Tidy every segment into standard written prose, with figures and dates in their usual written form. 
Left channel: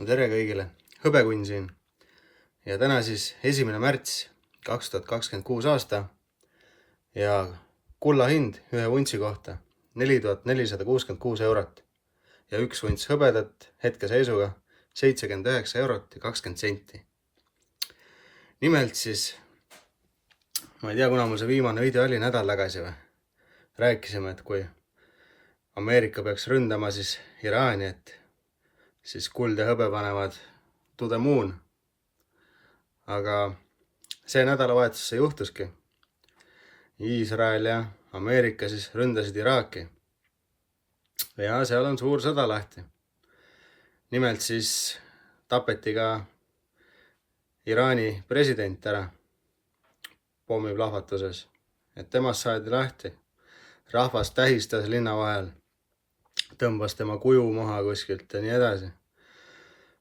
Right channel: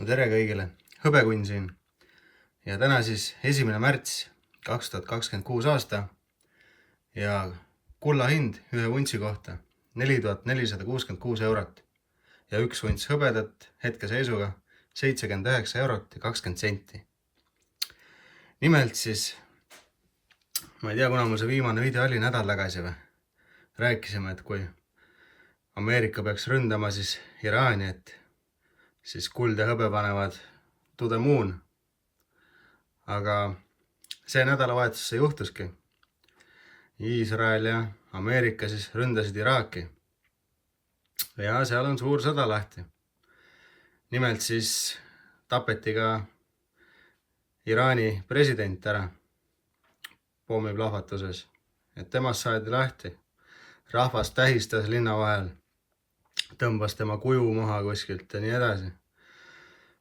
Tere kõigile, Hõbekunn siin ja täna siis 1. märts 2026 aasta ja kulla hind ühe vuntsi kohta 4466 eurot ja üks vunts hõbedat hetkeseisuga 79 eurot ja 20 senti. Nimelt siis, ma ei tea, kuna mul see viimane video oli nädal tagasi või, rääkisime, et kui Ameerika peaks ründama siis Iraani, et siis kuld ja hõbe panevad to the moon. Aga see nädalavahetus see juhtuski. Iisrael ja Ameerika siis ründasid Iraaki. Ja seal on suur sõda lahti. Nimelt siis tapeti ka Iraani president ära pommiplahvatuses. Et temast saadi lahti. Rahvas tähistas linna vahel. Tõmbas tema kuju maha kuskilt ja nii edasi.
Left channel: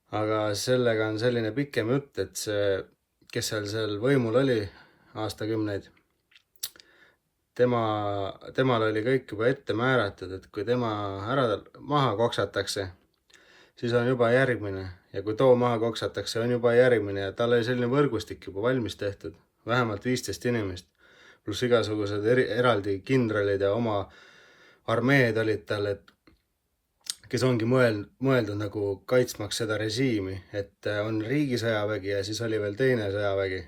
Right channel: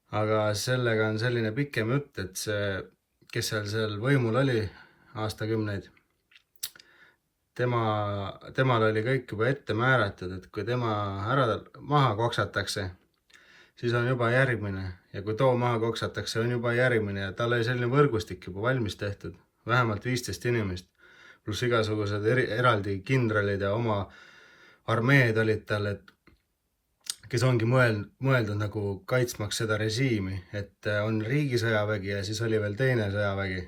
Aga sellega on selline pikem jutt, et see, kes seal võimul oli aastakümneid, temal oli kõik juba ette määratud, et kui tema ära maha koksatakse, siis on juba järgmine. Ja kui too maha koksatakse, on juba järgmine. Ja tal oli selline võrgustik juba valmis tehtud. Vähemalt 15 inimest. Plus igasugused eraldi kindralid ja oma armeed olid tal, kes ongi mõeldud nagu kaitsmaks seda režiimi, et on riigisõjavägi ja siis oli veel teine sõjavägi,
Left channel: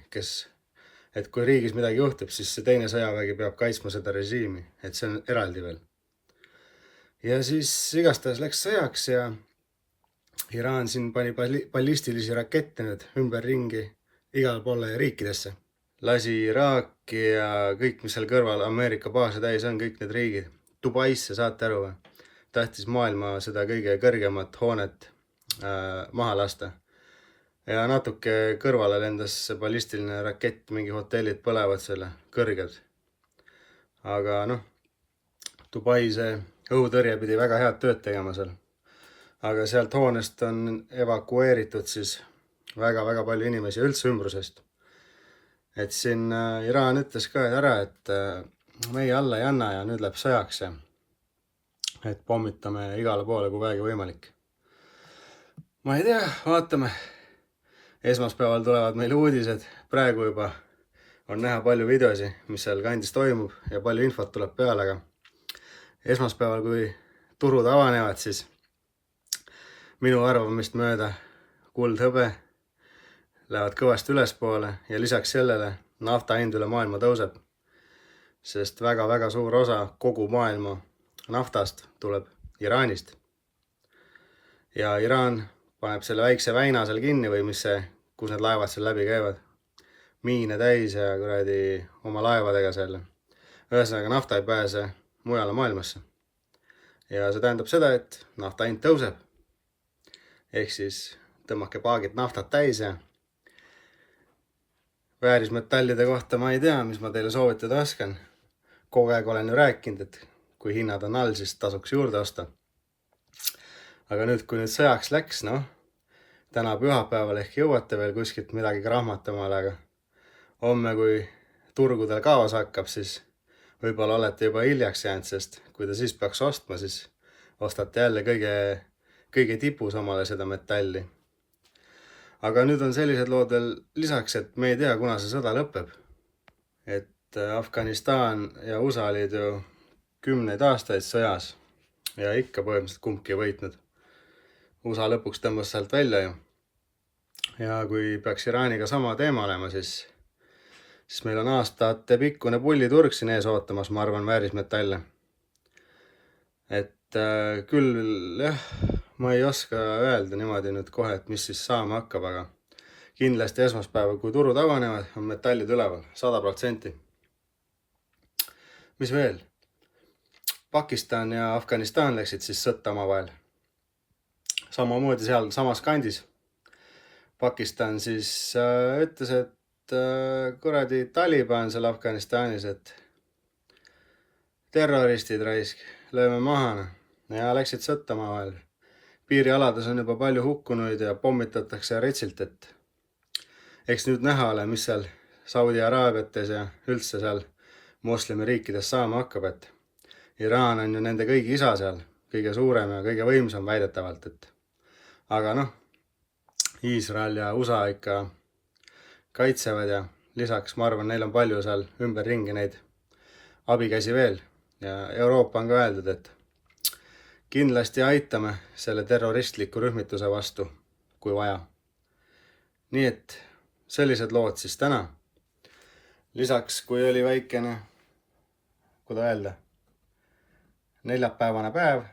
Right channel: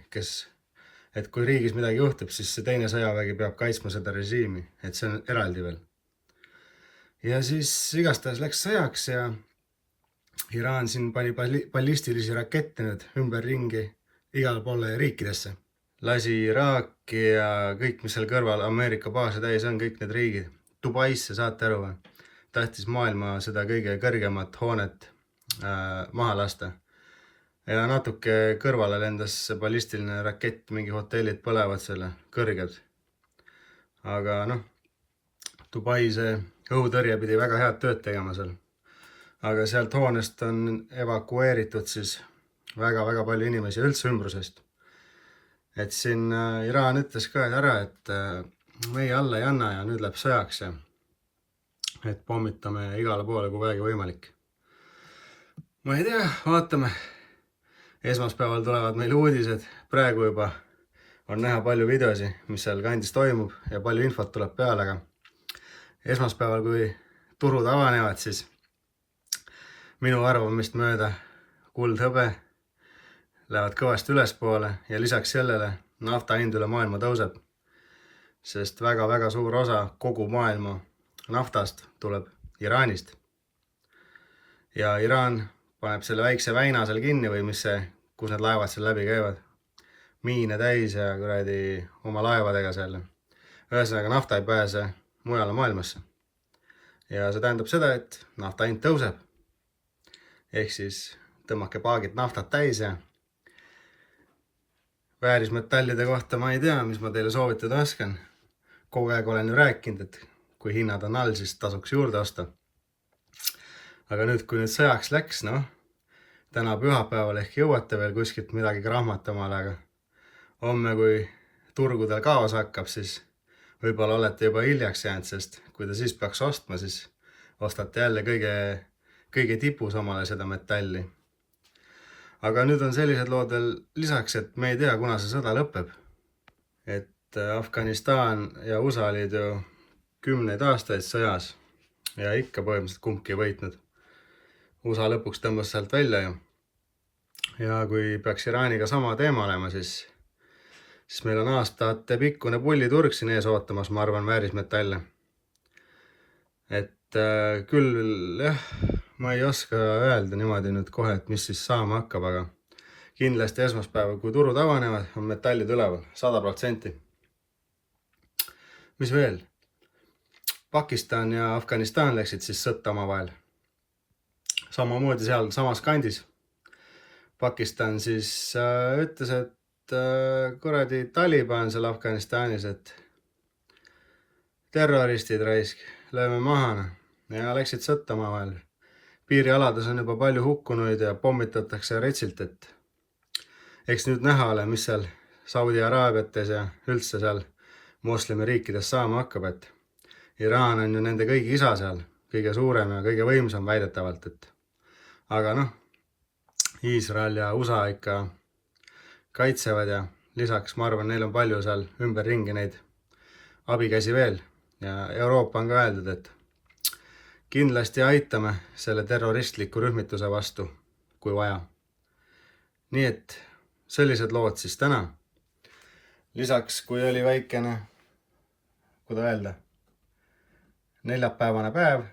et kui riigis midagi juhtub, siis see teine sõjavägi peab kaitsma seda režiimi, et see on eraldi veel. Ja siis igastahes läks sõjaks ja Iraan siin pani ballistilisi rakette nüüd ümber ringi igale poole riikidesse. Lasi Iraaki ja kõik, mis seal kõrval Ameerika baase täis on, kõik need riigid. Dubaisse, saate aru või? Tahtis maailma seda kõige kõrgemat hoonet maha lasta. Ja natuke kõrvale lendas ballistiline rakett, mingi hotellid põlevad selle kõrged. Aga noh, Dubai see õhutõrje pidi väga head tööd tegema seal. Aga sealt hoonest on evakueeritud siis väga palju inimesi üldse ümbrusest. Et siin Iraan ütles ka ära, et meie alla ei anna ja nüüd läheb sõjaks ja et pommitame igale poole, kui vähegi võimalik. Ma ei tea, vaatame. Esmaspäeval tulevad meil uudised. Praegu juba on näha palju videosi, mis seal kandis toimub ja palju infot tuleb peale, aga esmaspäeval, kui turud avanevad, siis minu arvamist mööda kuld hõbe lähevad kõvasti ülespoole ja lisaks sellele nafta hind üle maailma tõuseb, sest väga suur osa kogu maailma naftast tuleb Iraanist. Ja Iraan paneb selle väikse väina seal kinni või mis see, kus need laevad seal läbi käivad. Miine täis ja kuradi oma laevadega selle. Ühesõnaga nafta ei pääse mujale maailmasse. Ja see tähendab seda, et nafta hind tõuseb. Ehk siis tõmmake paagid naftat täis ja väärismetallide kohta ma ei tea, mis ma teile soovitada oskan. Kogu aeg olen ju rääkinud, et kui hinnad on all, siis tasuks juurde osta. Aga nüüd, kui nüüd sõjaks läks, noh, täna pühapäeval ehk jõuate veel kuskilt midagi krahmatamale, aga homme, kui turgudel kaos hakkab, siis võib-olla olete juba hiljaks jäänud, sest kui te siis peaks ostma, siis ostate jälle kõige tipus omale seda metalli. Aga nüüd on sellised lood veel lisaks, et me ei tea, kuna see sõda lõpeb. Et Afganistan ja USA olid ju 10 aastaid sõjas ja ikka põhimõtteliselt kumbki ei võitnud. USA lõpuks tõmbas sealt välja ju. Ja kui peaks Iraaniga sama teema olema, siis meil on aastate pikkune pulliturg siin ees ootamas, ma arvan, väärismetalle. Et küll jah, ma ei oska öelda niimoodi nüüd kohe, et mis siis saama hakkab, aga kindlasti esmaspäeval, kui turud avanevad, on metallid üleval, 100%. Mis veel? Pakistan ja Afganistan läksid siis sõtta oma vahel. Samamoodi seal samas kandis. Pakistan siis ütles, et kuradi Taliban seal Afganistanis, et terroristid raisk, lööme maha ja läksid sõtta oma vahel. Piirialades on juba palju hukkunuid ja pommitatakse retsilt, et eks nüüd näha ole, mis seal Saudi Araabiates ja üldse seal moslemi riikides saama hakkab, et Iraan on ju nende kõigi isa seal, kõige suurem ja kõige võimsam väidetavalt, et aga noh, Iisrael ja USA ikka kaitsevad ja lisaks ma arvan, neil on palju seal ümberringi neid abikäsi veel. Ja Euroopa on ka öeldud, et kindlasti aitame selle terroristliku rühmituse vastu, kui vaja. Nii et sellised lood siis täna. Lisaks, kui oli väikene, kuidas öelda, neljapäevane päev,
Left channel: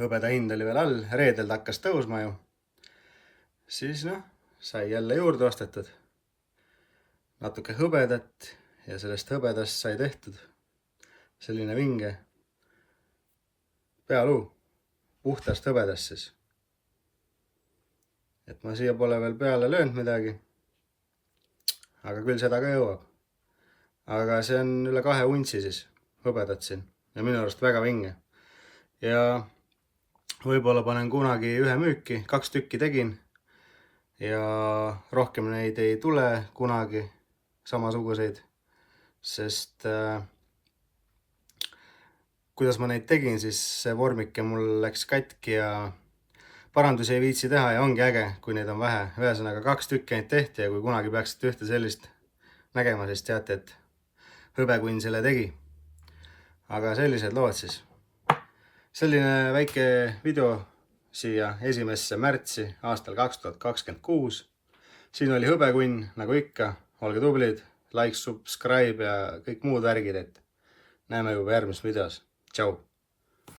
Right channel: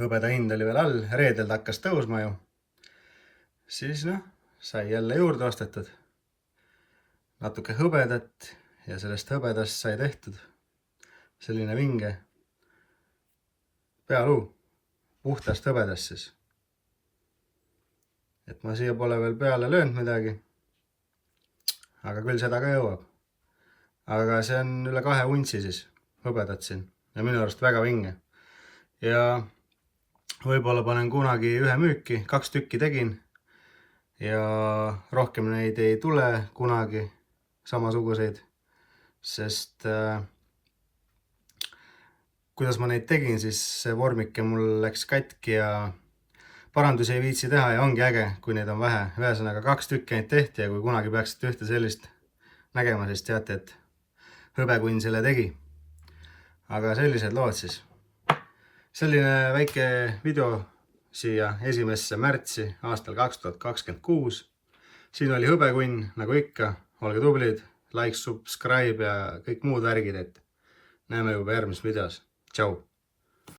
hõbeda hind oli veel all, reedel ta hakkas tõusma ju, siis sai jälle juurde ostetud natuke hõbedat ja sellest hõbedast sai tehtud selline vinge pealuu, puhtast hõbedast siis. Et ma siia pole veel peale löönud midagi, aga küll seda ka jõuab. Aga see on üle 2 untsi siis hõbedat siin ja minu arust väga vinge. Ja võib-olla panen kunagi ühe müüki, 2 tükki tegin ja rohkem neid ei tule kunagi samasuguseid, sest kuidas ma neid tegin, siis see vormike mul läks katki ja parandusi ei viitsi teha ja ongi äge, kui neid on vähe. Ühesõnaga 2 tükki neid tehti ja kui kunagi peaksite ühte sellist nägema, siis teate, et hõbekunn selle tegi. Aga sellised lood siis. Selline väike video siia 1. märtsi aastal 2026. Siin oli hõbekunn, nagu ikka. Olge tublid, like, subscribe ja kõik muud värgid, et näeme juba järgmises videos. Tšau!